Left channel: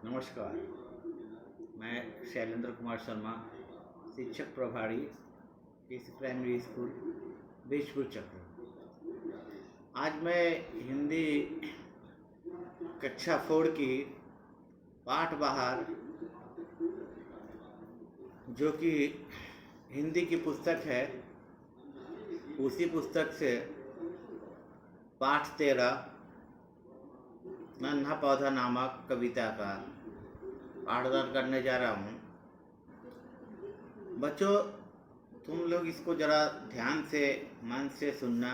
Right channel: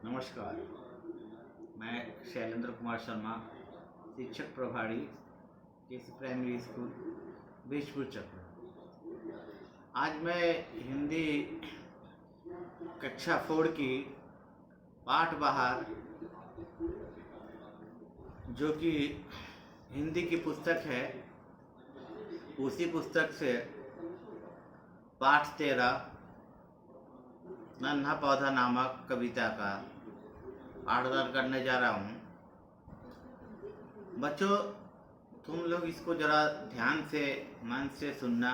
नमस्कार। मैं शैलेंद्र कुमार शर्मा, शिक्षक प्रभारी केसी प्राइमरी स्कूल बीजपुर चक्र। आज मैं हिंदी कक्षा 4 की पाठ बहार, जो कि हिंदी की पुस्तक है, उसी पुस्तक से पाठ 13 नन्हा पौधा नामक कविता का पाठदान करने जा रहा हूँ। बच्चों, तुम लोग इसको जरा ध्यान से मन से सुनना।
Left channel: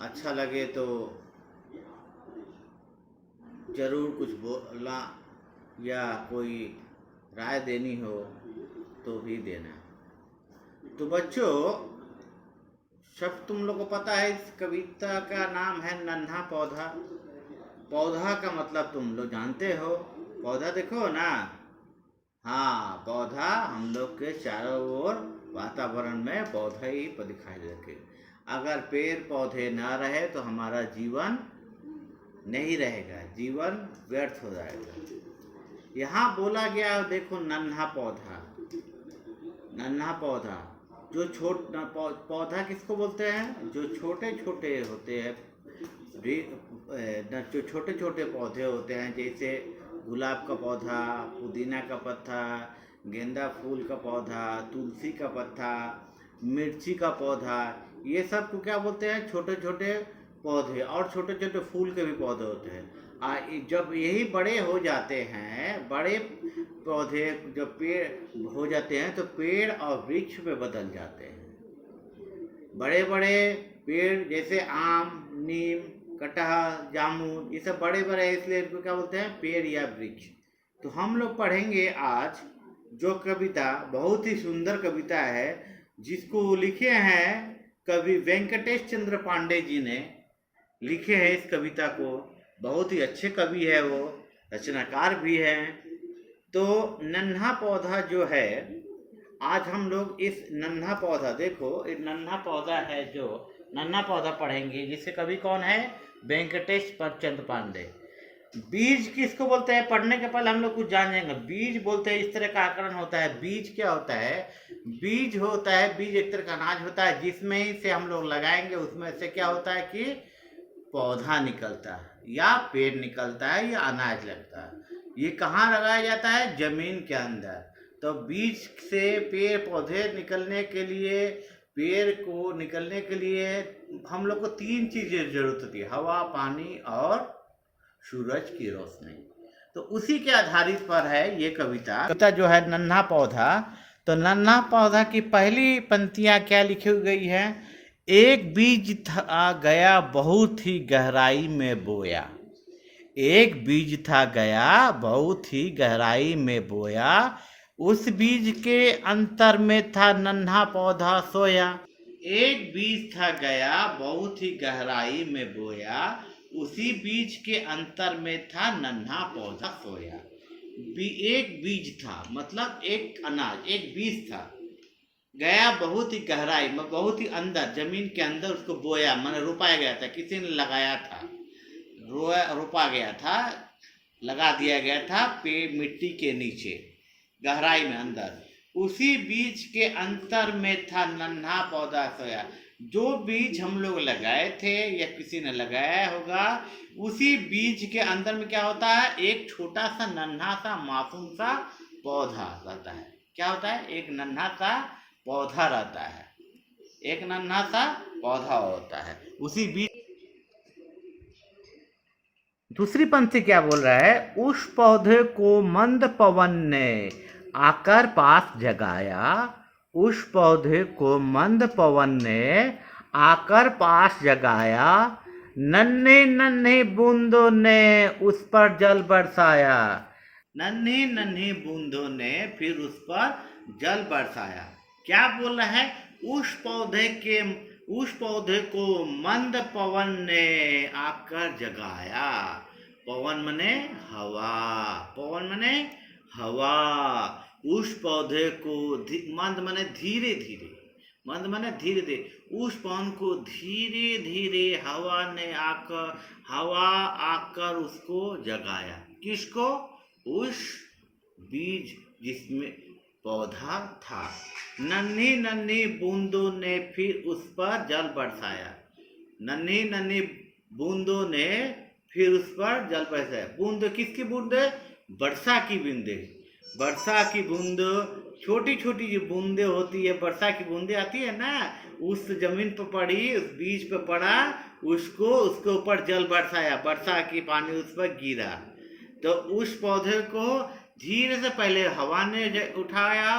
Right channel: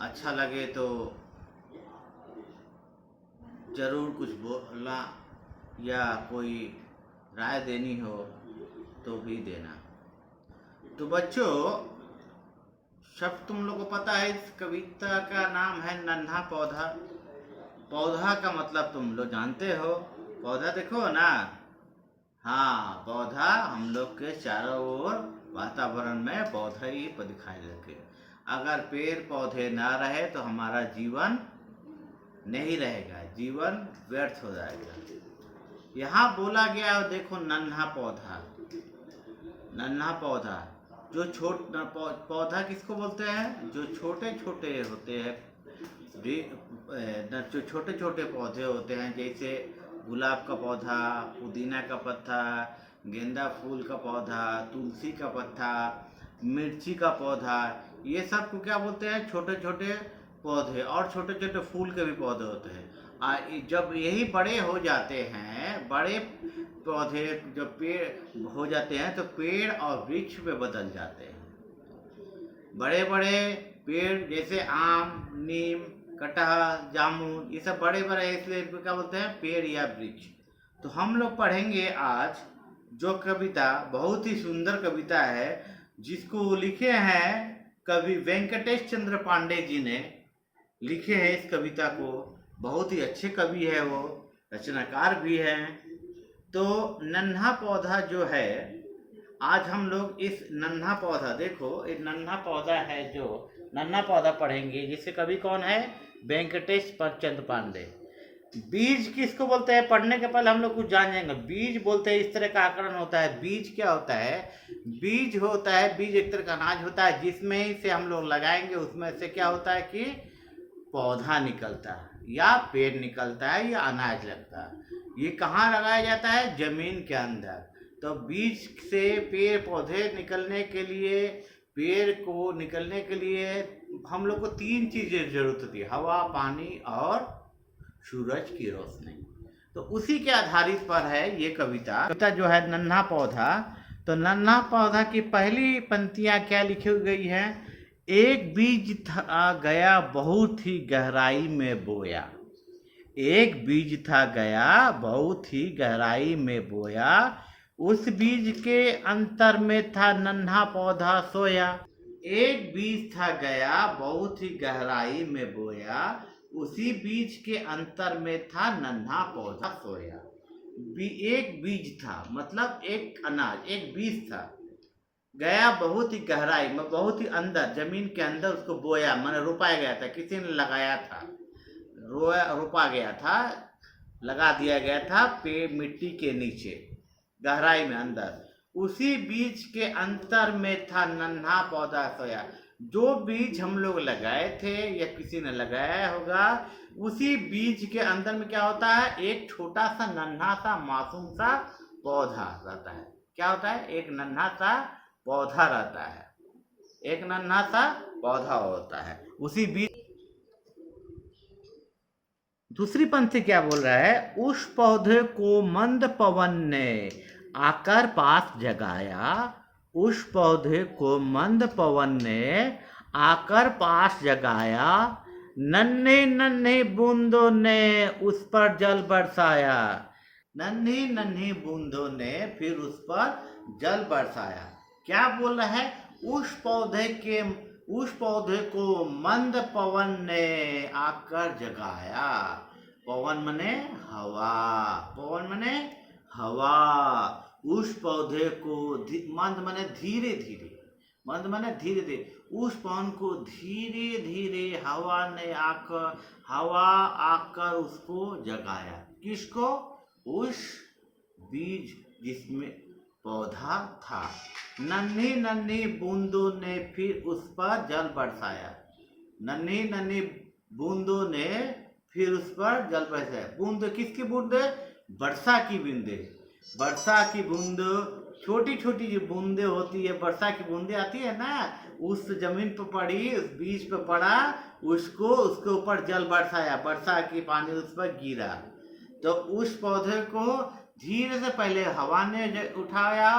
अच्छा लगे तो जरूर कुछ बोलना या कोई राय देनी हो तो भी देना। तो बच्चों, सब तुम लोग को पता है इस कविता का नाम है नन्हा पौधा। पौधा का मतलब तुम लोग जानते हो। पौधा देखो ना, हाँ, पौधा हम लोग के चारों ओर वातावरण में पौधे ही दिखाई देते। अगर पेड़ पौधे ना रहे तो हमारा जीवन नहीं रहेगा, जीवन व्यर्थ हो जाएगा। यहाँ बोला गया है, देखो, नन्हा पौधा। नन्हा पौधा, जो पौधा किसको बोलते हैं? जो छोटे छोटे होते हैं, जो छोटे छोटे पौधे होते हैं, जैसे गुलाब का पौधा, पुदीना का पत्ता, गेंदा फूल का पौधा, तुलसी का पत्ता, मिर्ची का पौधा, ये सब को क्या बोलते हैं? छोटे छोटे पौधे। और छोटे छोटे फूल के भी पौधे होते हैं। जब यही बड़े हो जाते हैं, बड़े पौधे जब पेड़ हो जाते हैं तो पेड़ और वृक्ष में बदल जाते हैं। बड़े बड़े पेड़ जैसे आम, नीम, कटहल, जामुन, ये सब बड़े बड़े हैं, इसलिए इनको क्या बोलते हैं? पेड़ या वृक्ष। तो हम लोग पढ़ेंगे आज जो कविता, बहुत ही सुंदर कविता है, जिसको लिखे हैं कवि वेंकटेश चंद्र पांडे जी ने लिखे हैं इस कविता को। बहुत ही अच्छे कवि है, वो रचनाकार भी हैं। तो नन्हा पौधा जो है, आज हम लोग इस नन्हा पौधा, देखो ये नन्हा पौधा है, जो नन्हा पौधा पढ़ेंगे, जिससे कवि कौन है? वेंकटेश चंद्र पांडे। बीज किसको बोलते हैं? पढ़ने के पहले हम लोग कुछ जान जाएंगे। बीज बोलते हैं, इस तरह का आकरण होता है। बीज क्या होता है? बीज होता है, बीज एक तरह का अनाज होता है, जिसमें से हम लोग लगाएंगे, उसमें से क्या होता है कि पौधा निकलता है, या पेड़ निकलता है, या अनाज लगता है। ये कहाँ लगाया जाता है? जमीन के अंदर। तो बीज से पेड़ पौधे निकलने के लिए, पेड़ को निकलने के लिए हम लोग को 3 चीज़ें जरूरत होती है: हवा, पानी और सूरज की रोशनी। तो उसी के आधारित पर है ये कविता जो है नन्हा पौधा। तो नन्हा पौधा की पहली पंक्तियां क्या लिखी गई है? एक बीज था गया बहुत ही गहराई में बोया। एक बीज था गया बहुत ही गहराई में बोया, उस बीज के अंतर में था नन्हा पौधा सोया। एक बीज था गया बहुत ही गहराई में बोया, उसी बीज के अंतर में था नन्हा पौधा सोया। एक बीज था मतलब एक अनाज, एक बीज था, गया बहुत ही गहराई में, बहुत ही अंदर, जमीन के अंदर उसको बोया, मैंने रोपाया गया था, किसी ने लगाया था, रोपा गया था, लगा दिया गया था पेड़ मिट्टी के नीचे, गहराई में अंदर। उसी बीज के अंतर में था नन्हा पौधा सोया। जो बीज हम लोग लगाए थे या किसी ने लगाया होगा, उसी बीज के अंदर में क्या होता है? एक छोटा सा नन्हा सा मासूम सा पौधा रहता है। क्या होता है? एक नन्हा सा पौधा रहता है, एक नन्हा सा पौधा होता है उसी बीज। दूसरी पंक्ति क्या बोल रहा है? उस पौधे को मंद पवन ने आकर पास जगाया। उस पौधे को मंद पवन ने आकर पास जगाया, नन्हे नन्हे बूंदों ने उस पर जल बरसाया। नन्ही नन्ही बूंदों ने फिर उस पर जल बरसाया। क्या बोल रहा है? उस पौधे को मंद पवन ने आकर जगाया। पवन मने हवा, पवन मने हवा। उस पौधे को, मंद मने धीरे धीरे, मंद माने धीरे धीरे, उस पवन को धीरे धीरे हवा आकर उसको जगाया। किसको? उस बीज जिसमें पौधा था। नन्ही नन्ही बूंदों ने फिर उस पर जल बरसाया। नन्ही नन्ही बूंदों ने फिर उस पर जल बरसाया। बूंद किसकी बूंद? वर्षा की बूंदे। वर्षा की बूंद, छोटी छोटी जो बूंदे होती है, वर्षा की बूंदे आती है ना, उस जमीन पर पड़ी, उस बीज पर पड़ा, उसके ऊपर जल बरसाया, वर्षा की पानी उस पर गिरा। तो उस पौधे को धीरे से पहले हवा ने उठाया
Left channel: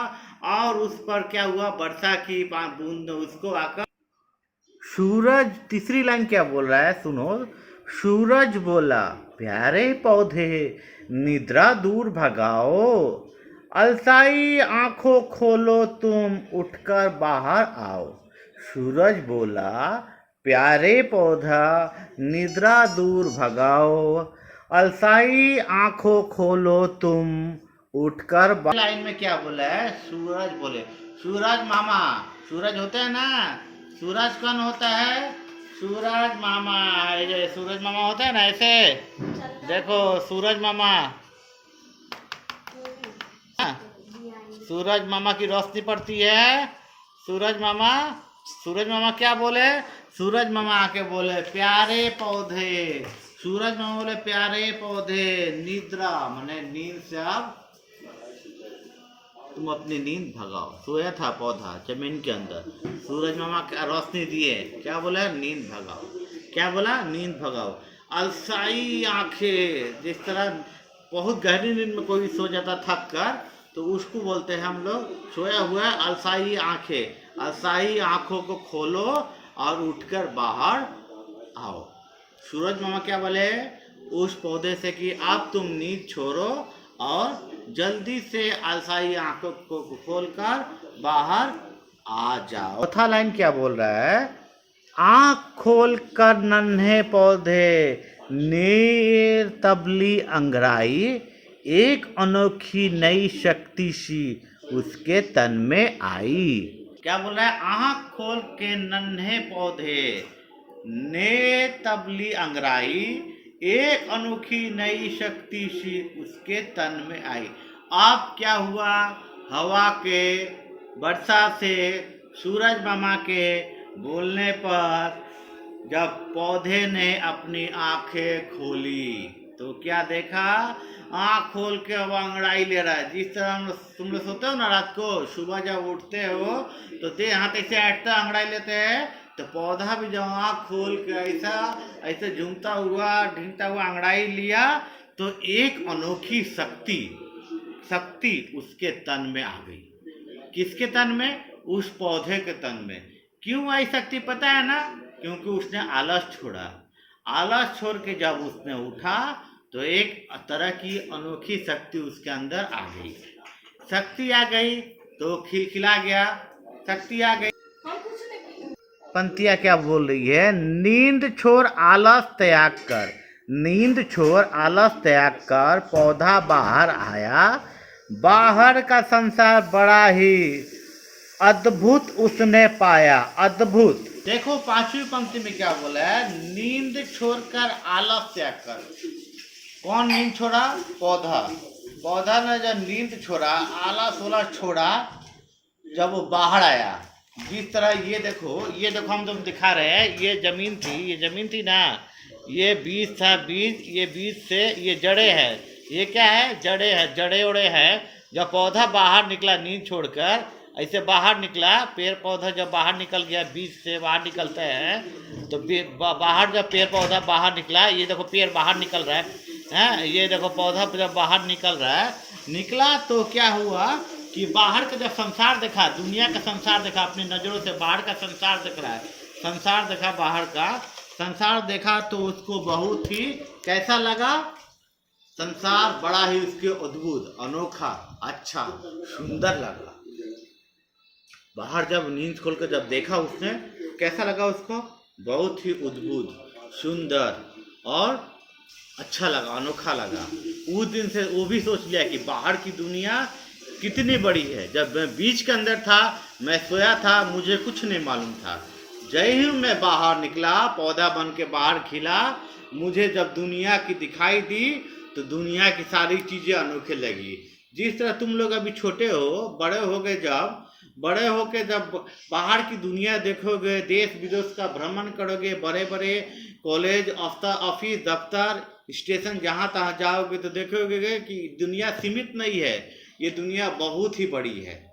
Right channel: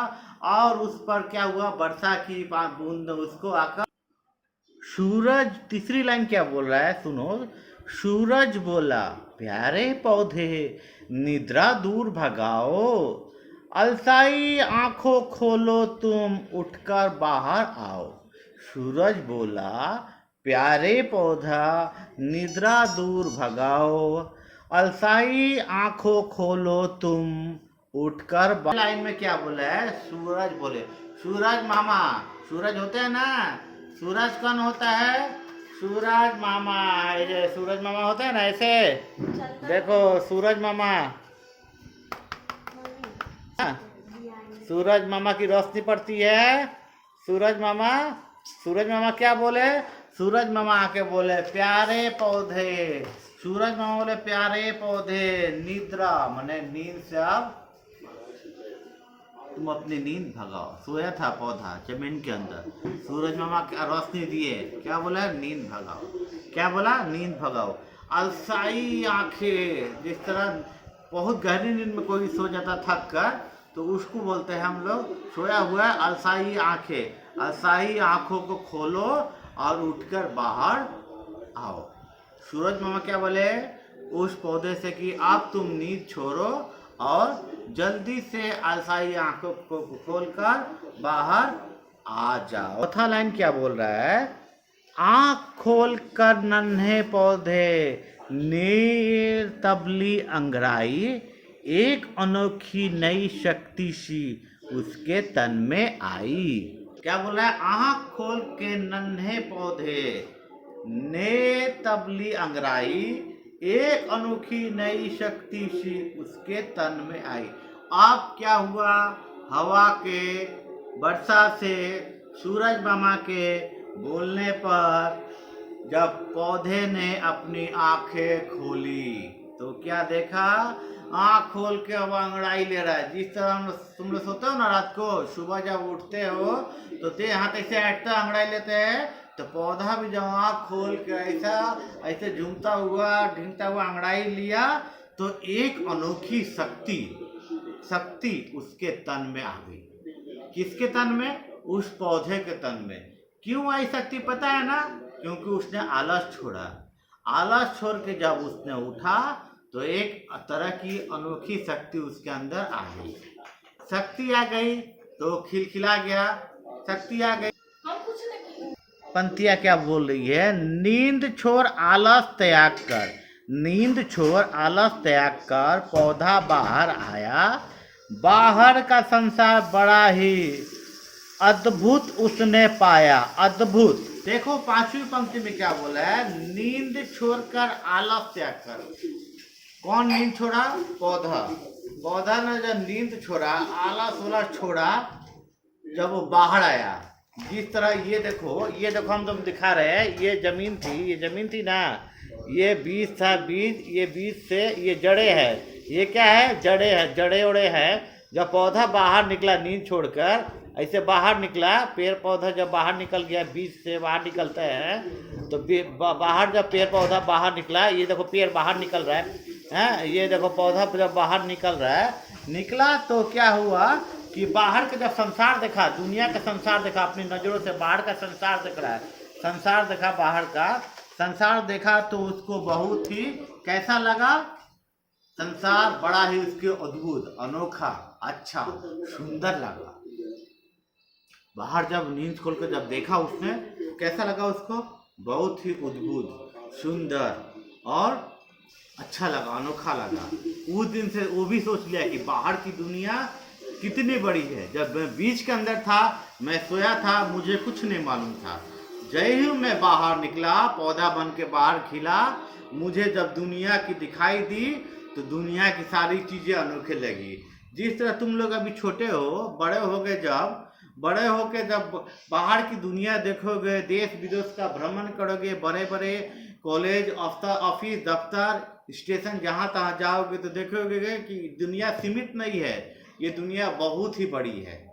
और उस पर क्या हुआ, वर्षा की बूंद उसको आकर। सूरज, तीसरी लाइन क्या बोल रहा है सुनो। सूरज बोला, प्यारे पौधे निद्रा दूर भगाओ, अलसाई आंखों खोलो तुम उठकर बाहर आओ। सूरज बोला, प्यारे पौधा निद्रा दूर भगाओ, अलसाई आंखों खोलो तुम उठकर। लाइन में क्या बोला है? सूरज बोले, सूरज मामा, सूरज होते हैं ना, सूरज कौन होता है? सूरज मामा। ये सूरज मामा होता है ना, ऐसे देखो सूरज मामा, सूरज मामा की रोशनी पड़ती है। सूरज मामा क्या बोले? सूरज मामा आके बोले, प्यारे पौधे। सूरज मामा बोले, प्यारे पौधे निद्रा माने नींद से अब तुम अपनी नींद भगाओ। सोया था पौधा जमीन के अंदर, सूरज मामा रोशनी दिए, क्या बोला? नींद भगाओ। क्या बोला? नींद भगाओ। अलसाई आंखें, जिस तरह बहुत गहरी नींद में कोई सो जाता थक कर, तो उसको बोलते हैं हम लोग सोया हुआ अलसाई आंखें। अलसाई आंखों को खोलो और उठकर बाहर आओ। सूरज मामा क्या बोले उस पौधे से कि अब तुम नींद छोड़ो और जल्दी से अलसाई आंखों को खोलकर बाहर आ जाओ। चौथा लाइन क्या बोल रहा है? आंख खोलकर नन्हे पौधे निर्तबली अंगड़ाई, एक अनोखी नई शक्ति सी उसके तन में आई। क्या बोल रहा है? आंख खोल के नन्हे पौधे ने तबली अंगड़ाई, एक अनोखी नई शक्ति सी उसके तन में आई। अब क्या हुआ? हवा के, वर्षा से, सूरज मामा के बोलने पर जब पौधे ने अपनी आंखें खोली तो क्या देखा? आँख खोल के अब अंगड़ाई ले रहा है। जिस तरह तुम लोग सोते हो ना रात को, सुबह जब उठते हो तो ते हाथ ऐसे ऐठता अंगड़ाई लेते हैं, तो पौधा भी जब आँख खोल के ऐसा ऐसे झूमता हुआ ढींगता हुआ अंगड़ाई लिया, तो एक अनोखी शक्ति उसके तन में आ गई। किसके तन में? उस पौधे के तन में। क्यों आई शक्ति पता है ना? क्योंकि उसने आलस छोड़ा। आलस छोड़ के जब उसने उठा तो एक तरह की अनोखी शक्ति उसके अंदर आ गई। शक्ति आ गई तो खिलखिला गया, शक्ति आ गई। पंक्तियां क्या बोल रही है? नींद छोड़ आलस त्याग कर, नींद छोड़ आलस त्याग कर पौधा बाहर आया, बाहर का संसार बड़ा ही अद्भुत उसने पाया। अद्भुत। देखो पांचवी पंक्ति में क्या बोला है? नींद छोड़कर आलस त्याग कर। कौन नींद छोड़ा? पौधा ने जब नींद छोड़ा, आलस छोड़ा, जब वो बाहर आया, जिस तरह ये देखो हम तुम दिखा रहे हैं, ये जमीन थी ना, ये बीज था, ये बीज से ये जड़े है, ये क्या है? जड़े ओड़े है। जब पौधा बाहर निकला नींद छोड़कर, ऐसे बाहर निकला, पेड़ पौधा जब बाहर निकल गया, बीज से बाहर निकलते हैं, तो बाहर जब पेड़ पौधा बाहर निकला, ये देखो पेड़ बाहर निकल रहा है, ये देखो पौधा जब बाहर निकला तो क्या हुआ कि बाहर का जब संसार देखा, दुनिया का संसार देखा, अपनी नज़रों से बाहर का संसार देख रहा है, संसार देखा, बाहर का संसार देखा, तो उसको बहुत ही कैसा लगा? संसार बड़ा ही उसके अद्भुत, अनोखा, अच्छा, सुंदर लगा। बाहर जब नींद खोलकर जब देखा उसने, कैसा लगा उसको? बहुत ही अद्भुत, सुंदर और अच्छा लगा, अनोखा लगा। उस दिन से वो भी सोच लिया कि बाहर की दुनिया कितनी बड़ी है। जब मैं बीज के अंदर था, मैं सोया था, मुझे कुछ नहीं मालूम था। जय ही मैं बाहर निकला, पौधा बन के बाहर खिला, मुझे जब दुनिया की दिखाई दी तो दुनिया की सारी चीज़ें अनोखे लगी। जिस तरह तुम लोग अभी छोटे हो, बड़े होके जब बाहर की दुनिया देखोगे, देश विदेश का भ्रमण करोगे, बड़े बड़े कॉलेज, ऑफिस, दफ्तर, स्टेशन, जहाँ तहाँ जाओगे तो देखोगे कि दुनिया सीमित नहीं है, ये दुनिया बहुत ही बड़ी है।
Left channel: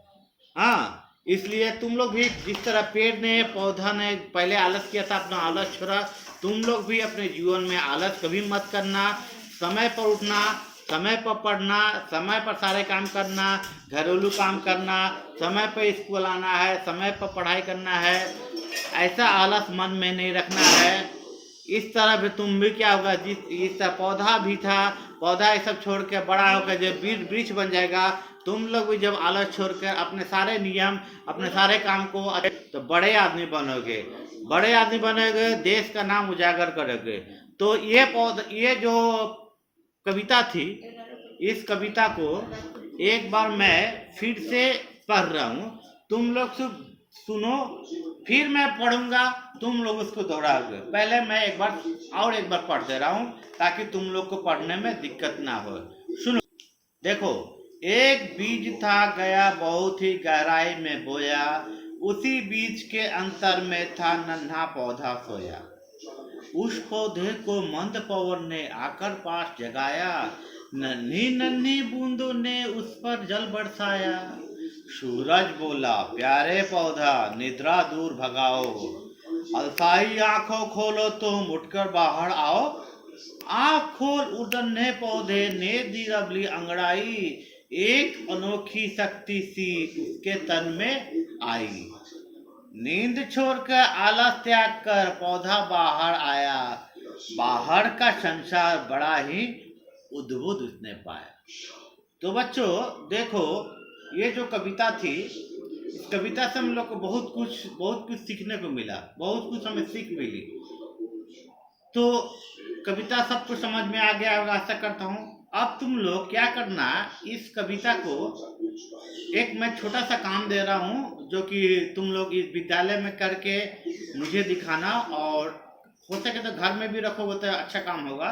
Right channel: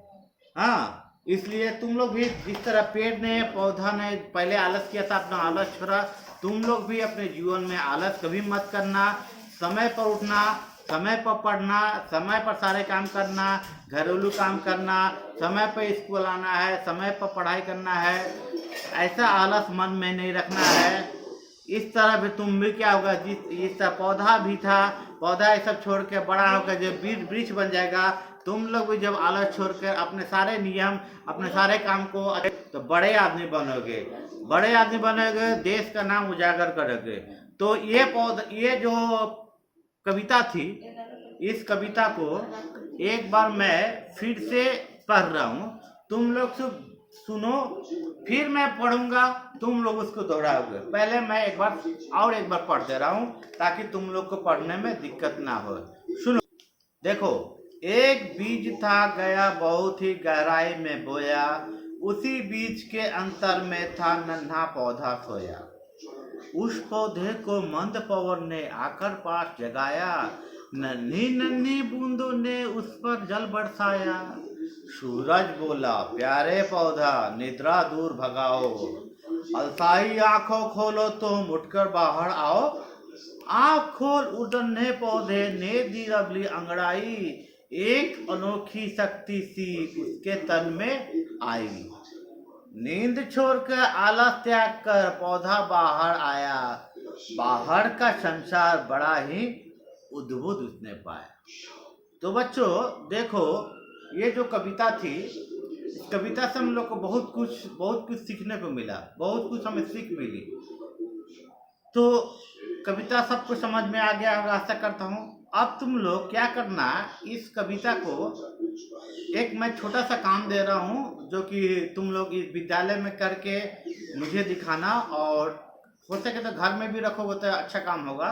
हाँ, इसलिए तुम लोग भी जिस तरह पेड़ ने, पौधा ने पहले आलस किया था, अपना आलस छोड़ा, तुम लोग भी अपने जीवन में आलस कभी मत करना। समय पर उठना, समय पर पढ़ना, समय पर सारे काम करना, घरेलू काम करना, समय पर स्कूल आना है, समय पर पढ़ाई करना है। ऐसा आलस मन में नहीं रखना है। इस तरह भी तुम भी क्या होगा, इस तरह पौधा भी था, पौधा ये सब छोड़ के बड़ा होकर जब वृक्ष बन जाएगा, तुम लोग भी जब आलस छोड़कर अपने सारे नियम, अपने सारे काम को, तो बड़े आदमी बनोगे, देश का नाम उजागर करोगे। तो ये जो कविता थी, इस कविता को एक बार मैं फिर से पढ़ रहा हूँ, तुम लोग सुनो, फिर मैं पढ़ूंगा, तुम लोग उसको दोहराओगे। पहले मैं एक बार पढ़ दे रहा हूँ ताकि तुम लोग को पढ़ने में दिक्कत ना हो। सुनो, देखो, एक बीज था गया बहुत ही गहराई में बोया, उसी बीज के अंतर में था नन्हा पौधा सोया। उस पौधे को मंद पवन ने आकर पास जगाया, नन्ही नन्ही बूंदों ने उस पर जल बरसाया। सूरज बोला प्यारे पौधा निद्रा दूर भगाओ, अलसाई आंखों खोलो तुम उठकर बाहर आओ। आंख खोल उड़ने पौधे ने दी रबली अंगड़ाई, एक अनोखी शक्ति सी उसके तन में आई। नींद छोड़कर आलस त्याग कर पौधा बाहर आया, बाहर का संसार बड़ा ही अद्भुत उसने पाया। तो बच्चों देखो, ये जो कविता थी, इस कविता से हम लोग को बहुत कुछ सीखने को मिला, बहुत कुछ हमें सीख मिली। तो कविता सबको समझ में आ गया होगा, आशा करता हूँ। अब तुम लोग क्या करना, इस कविता को एक मैं छोटा सा काम दे रहा हूँ, जो कि तुम लोग इस विद्यालय में करके मुझे दिखाना, और हो सके तो घर में भी रखोगे तो अच्छा काम होगा।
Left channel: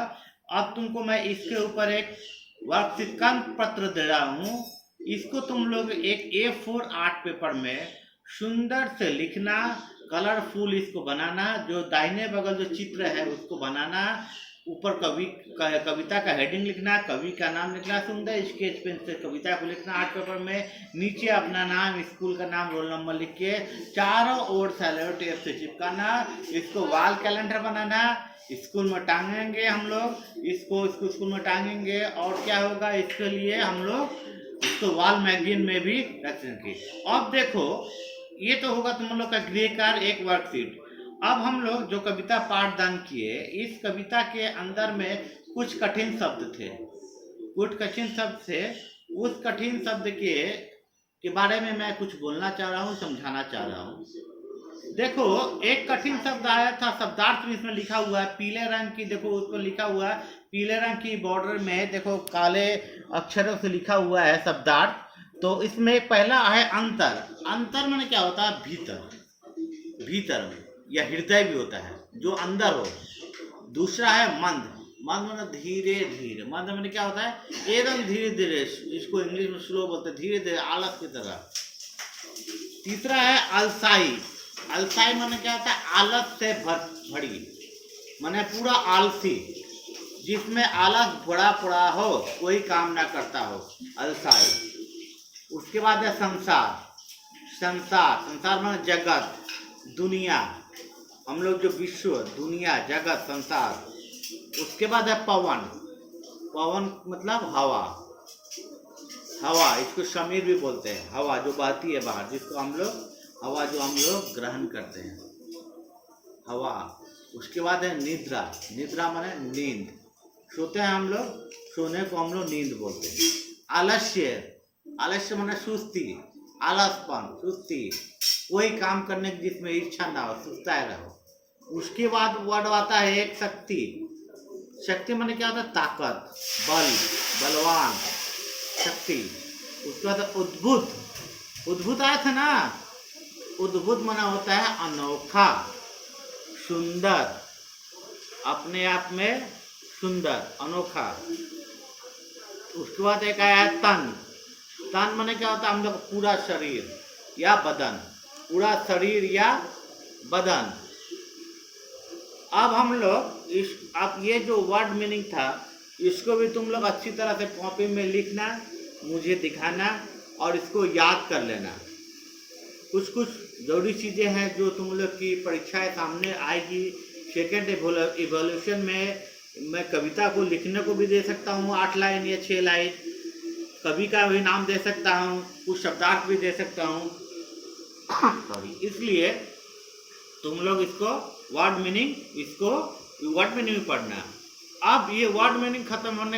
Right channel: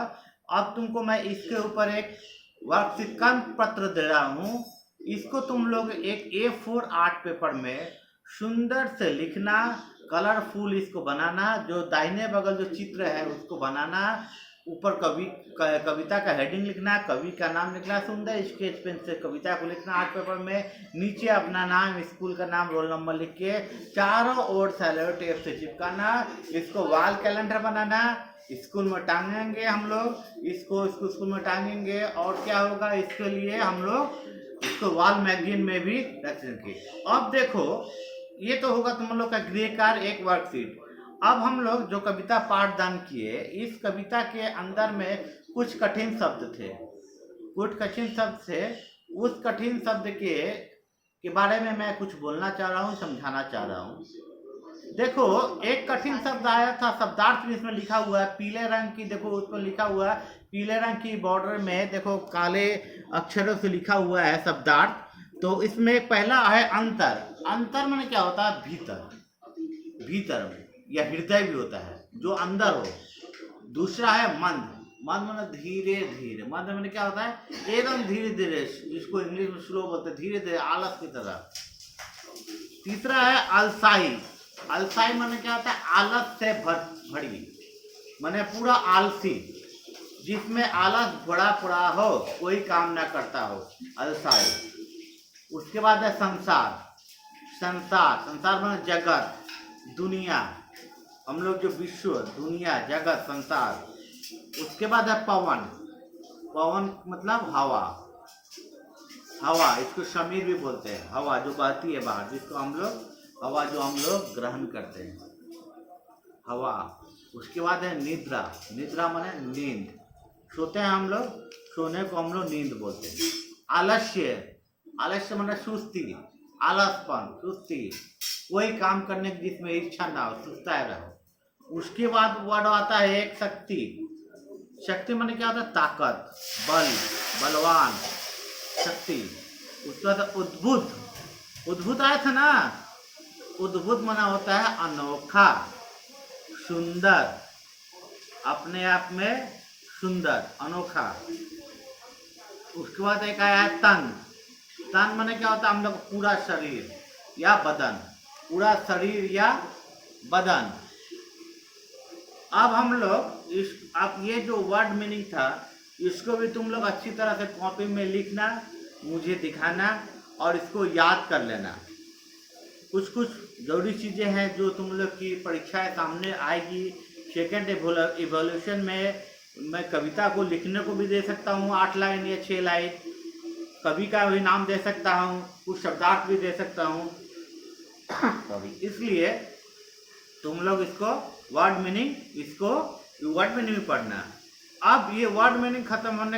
अब तुमको मैं इसके ऊपर एक वर्कशीट पत्र दे रहा हूँ, इसको तुम लोग एक A4 आर्ट पेपर में सुंदर से लिखना, कलरफुल इसको बनाना, जो दाहिने बगल जो चित्र है उसको बनाना, ऊपर कविता का हेडिंग लिखना, कवि का नाम लिखना, सुंदर स्केच पेन से कविता को लिखना आर्ट पेपर में, नीचे अपना नाम, स्कूल का नाम, रोल नंबर लिख के चारों ओर सेलो टेप से चिपकाना। इसको वॉल कैलेंडर बनाना, स्कूल में टांगेंगे हम लोग, इसको स्कूल में टांगेंगे। और क्या होगा, इसके लिए हम लोग इसको वॉल मैगजीन में भी रखेंगे। अब देखो, ये तो होगा तुम लोग का गृह कार्य, एक वर्कशीट। अब हम लोग जो कविता पाठदान किए, इस कविता के अंदर में कुछ कठिन शब्द थे, उस कठिन शब्द के बारे में मैं कुछ बोलना चाह रहा हूँ, समझाना चाह रहा हूँ। देखो, एक कठिन शब्द आया था, शब्दार्थ भी इसमें लिखा हुआ है, पीले रंग की, देखो उसको लिखा हुआ है पीले रंग की बॉर्डर में, देखो काले अक्षरों से लिखा हुआ है शब्दार्थ। तो इसमें पहला है अंतर मैंने क्या होता है, भीतर में, या हृदय भी होता है, जो अंदर हो। दूसरा है मंद मैंने धीरे धीरे, मंद मैंने क्या होता है, एकदम धीरे धीरे, जिसको इंग्लिश में स्लो बोलते हैं, धीरे धीरे, आलस की तरह। तीसरा है अलसाई मैंने क्या होता है, आलस से भरी, मैंने पूरा आलसी, जिसमें आलस भरा पड़ा हो, कोई काम ना करता हो, अलसाई। उसके बाद है संसार माने जगत, दुनिया, हम लोग जो विश्व, दुनिया, जगत, संसार। उसके बाद है पवन मतलब हवा, इसको समीर भी बोलते हैं, हवा जो बहती है बाहर, जिसको हम लोग ग्रहण करते हैं, हवा। उसके बाद है निद्रा माने नींद, सोते हैं हम लोग, सोने को हम लोग नींद बोलते हैं। आलस्य माने सुस्ती, आलसपन, सुस्ती, कोई काम करने की जिसमें इच्छा ना हो, सुस्ताए रहो। उसके बाद वर्ड आता है एक शक्ति माने क्या होता है, ताकत, बलवान, शक्ति। उसके बाद उद्भुत, उद्भुत आया था ना, उद्भुत माना होता है अनोखा, सुंदर, अपने आप में सुंदर, अनोखा। उसके बाद एक आया है तन। तन माने क्या होता है, हम लोग पूरा शरीर या बदन, पूरा शरीर या बदन। अब हम लोग इस, अब ये जो वर्ड मीनिंग था इसको भी तुम लोग अच्छी तरह से कॉपी में लिखना, मुझे दिखाना और इसको याद कर लेना। कुछ कुछ जरूरी चीज़ें हैं जो तुम लोग की परीक्षाएं सामने आएगी। सेकेंड इवोल्यूशन में मैं कविता को लिखने को भी दे सकता हूँ, 8 लाइन या 6 लाइन, कवि का भी नाम दे सकता हूँ, कुछ शब्दार्थ भी दे सकता हूँ सॉरी। इसलिए तुम लोग इसको वर्ड मीनिंग, इसको वर्ड मीनिंग पढ़ना। अब ये वर्ड मीनिंग खत्म होने